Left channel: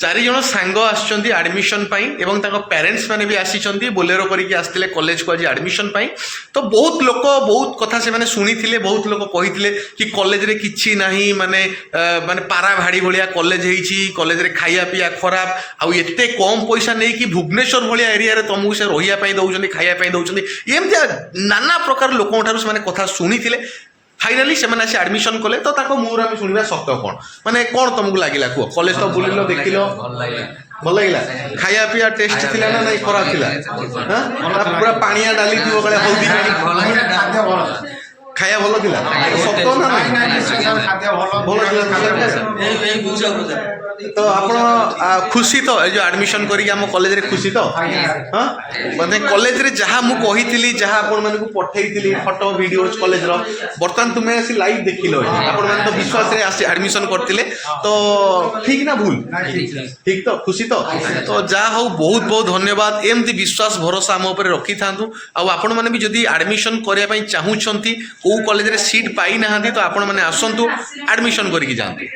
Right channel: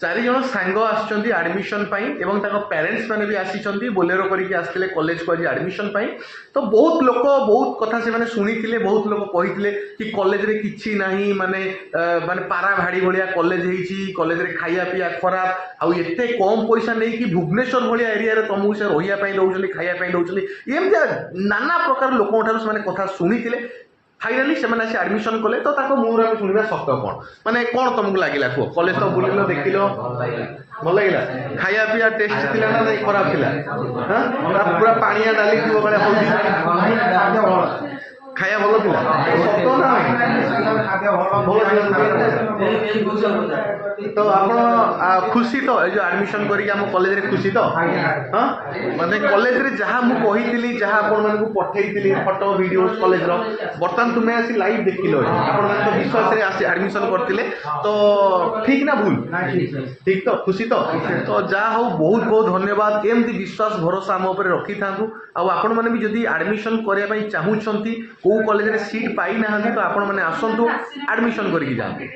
चारि जन सांग आसछन्ती एडमिशन पाई एवं ताको पेरेंट्स माने भी आसीछन्ती बोलेरो करिके आस्तिले कॉलेज को आज एडमिशन पाई। तो बहुत लोक बहुत कथा से माने सुनिथिले, बहुत लोक कहिथिले कि कॉलेज रे किछि नाही, माने माने पारा भाड़ी भलिया कॉलेज हेछि, कॉलेज रे खाइया पिया खराब, आउ एते कम पैसा नै कि भुवनेश्वर भलिया एरिया रे तमु से रहिया पई दउछन्ती, खाइया पई दउछन्ती, एमतिया नाना प्रकार लोकन ठारु माने कथा सुनिथिले। फाइनाली से मैंने एडमिशन कले तो ताको मुहर आम शुणा सत्य कौन माने कौन तुमको लगिला कुह कॉलेज तो बुलिल देखिल भल लगे खाया पिया टेस्ट थी ना नहीं खराब थी पूरा पानिया डाली थी हल्दी खाया भल तो आप खुशी तो जो एडमिशन करिक कॉलेज रे खुशी तो हाँ मतलब कॉलेज रे जहाँ मुझे कही जहाँ आपण मानक पठेई फोटो वीडियो कॉलेज रो बर्तमान तुम्हें आसी लाइव देखिल आपण माने तो विश्वास रे आसी एडमिशन करथिले तो ठीक ना भूल ठीक तो खुशी तो जा हो बहुत बहुत धन्यवाद एमती विश्वास भरोसा आम उपर रखी थांतु आपण माने भी जदी एडमिशन करिया पई चाहूछंती को कॉलेज रे सीट पाई नाहांती तो आपण माने आसंतु एडमिशन करिक जांतु।